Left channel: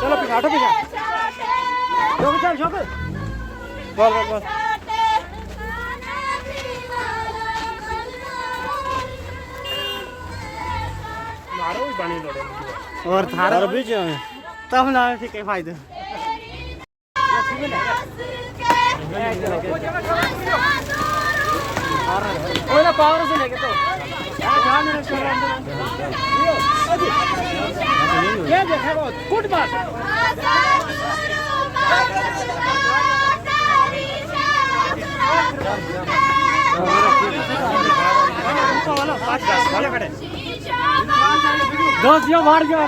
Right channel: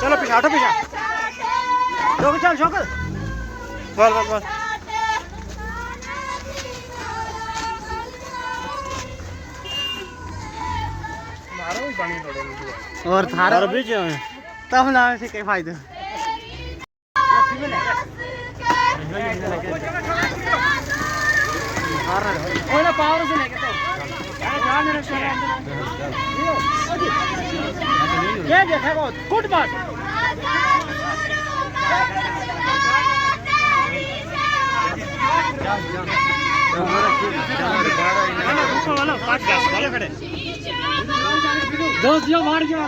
चलो पीछा हटो पीछा शौक चल शौक बोल बोल बोल मारो भी पानी थोड़े और थारा भी जो तब ना ठीक है फायदा ओए ना पावर से लेके तो ये देखा बहुत गुड बात पाँच घास वाले खड़े दोस्त जो मार गया